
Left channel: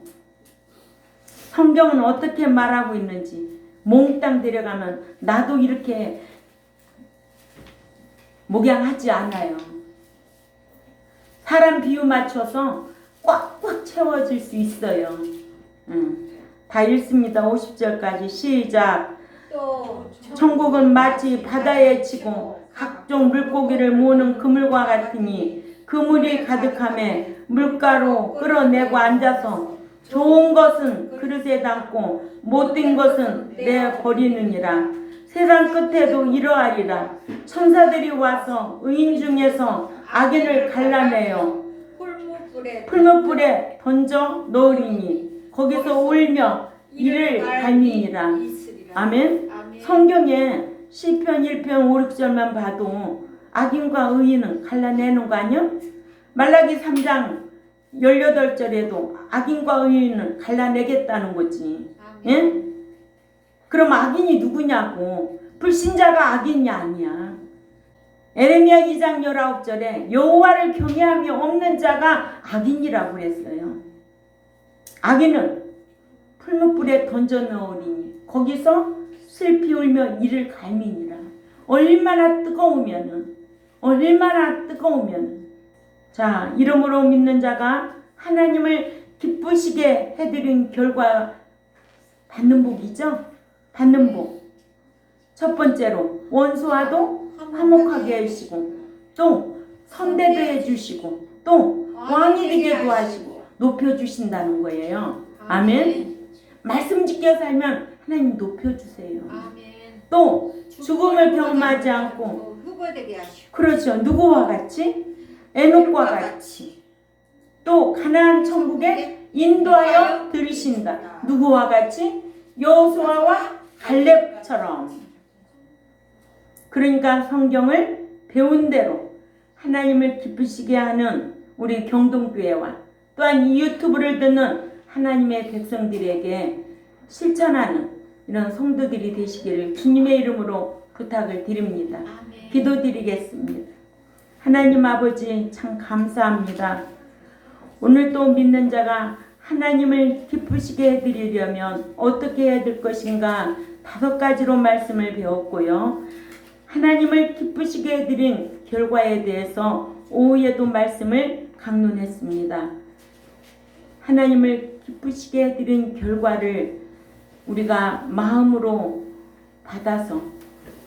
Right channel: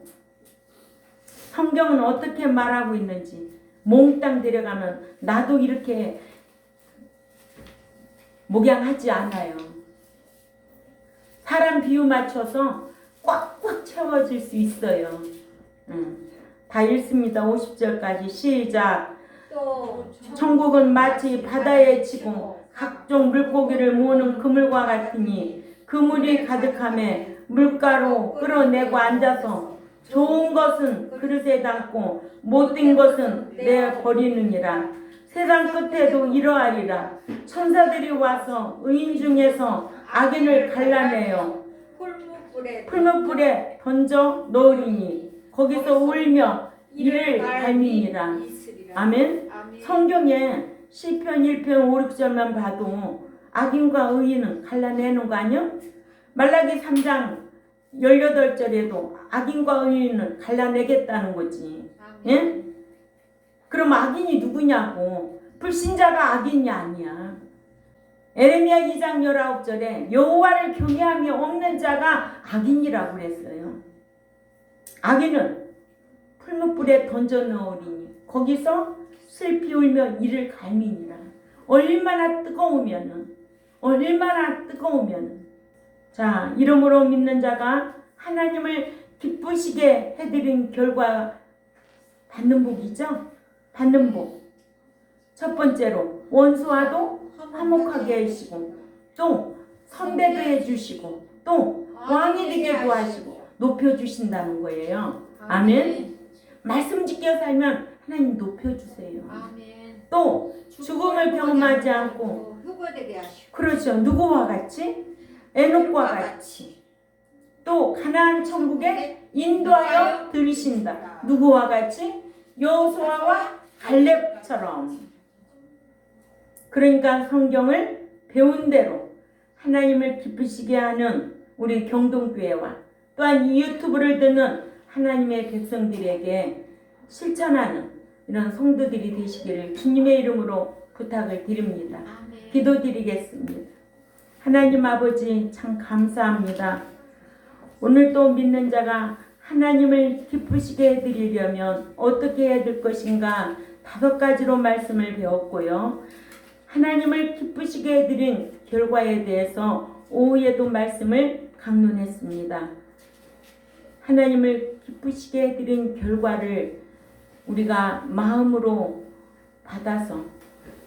성경은 어떻게 말하고 있는지 몽땅 데려가면 나도 이렇게 목양하지 않아요. 사람 비유 맞춰서 꽉꽉 채워질 수 있어요. 다 읽습니다. 50절까지 시작. 또 천국은 마치 바다에 치고 각종 물고기를 모으는 그물과 같으니 그물이 가득함에 물가로 끌어내고 앉아서 좋은 것은 그릇에 담고 못된 것은 내버리느니라. 세상 끝에도 이러하리라. 천사들이 와서 의인 중에서 악인을 갈라내어 풀무불에 던져 넣으리니 거기서 울며 이를 갈미니라. 아멘. 성경에 시편 1편 5, 6절만 봐도 악인과 의인은 갈라내는 거 아니요? 말라기 3장 18절에도 악인과 의인은 갈라내겠다는 거지. 예? 그럼 악인이 누구냐고. 불신자가 악인이 아니야. 에레미야 2장 19절에 여호와를 경외함이 없는 자가 악인이라고 그랬어요. 악인은 풀무불에 던져 넣으리니 거기서 슬피 울며 이를 갈미니라. 얼마나 뜨거우면은 자, 이름으로 믿는 자가 하나님을 기쁘시게 해드린 결과 받는 복이죠. 받는 복. 첫 번째로 원수와도 화목하게 해주시고 또 선대도 해주시고 또 왕이 되게도 하시고 높여주신다는 거예요. 아멘. 말씀 지켜 살면 하나님 높여주세요. 또 죽음을 경험하지 않고 그렇죠. 누구와 같이? 에녹과 같이 또 가나안 천국에 인도하여 들이신다. 누구와 같이? 여호수아와 갈렙처럼. 그러니까 성경을 배운 대로 하나님을 기쁘시게 하는 우리 경동교회와 또한 이 유튜브를 듣는 하나님의 백성들에게 실천하는 이런 성도들이 되시기를 주님의 이름으로 부탁을 드립니다. 기도드리겠습니다. 하나님 아버지 참 감사합니다. 오늘 또 믿는 자가 하나님을 기쁘시게 해드리려면 어떻게 해야 될 것인가 5가지로 말씀을 배웠고요. 하나님을 기쁘시게 해드린 결과에 대해서 오후에도 말씀을 강론했습니다. 하나님을 기쁘시게 해드린 결과를 우리가 마음으로 받아서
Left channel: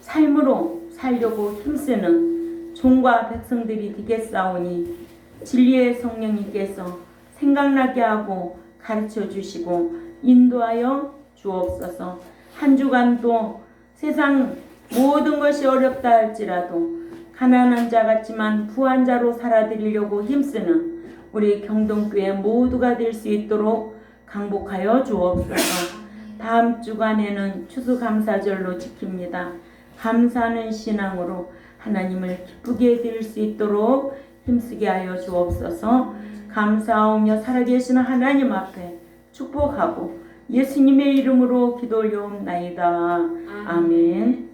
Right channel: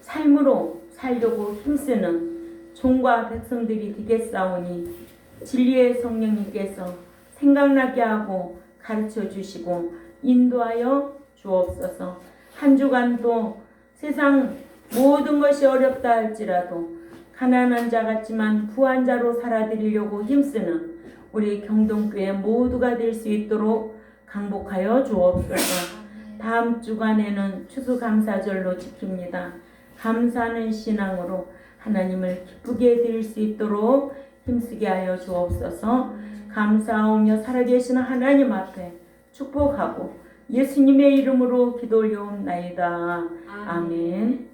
삶으로 살려고 힘쓰는 종과 백성들이 되겠사오니 진리의 성령님께서 생각나게 하고 가르쳐 주시고 인도하여 주옵소서. 한 주간도 세상 모든 것이 어렵다 할지라도 가난한 자 같지만 부한 자로 살아드리려고 힘쓰는 우리 경동교회 모두가 될 수 있도록 강복하여 주옵소서. 다음 주간에는 추수감사절로 지킵니다. 감사하는 신앙으로 하나님을 기쁘게 드릴 수 있도록 힘쓰게 하여 주옵소서. 감사하며 살아계시는 하나님 앞에 축복하고 예수님의 이름으로 기도 올려옵나이다. 아멘.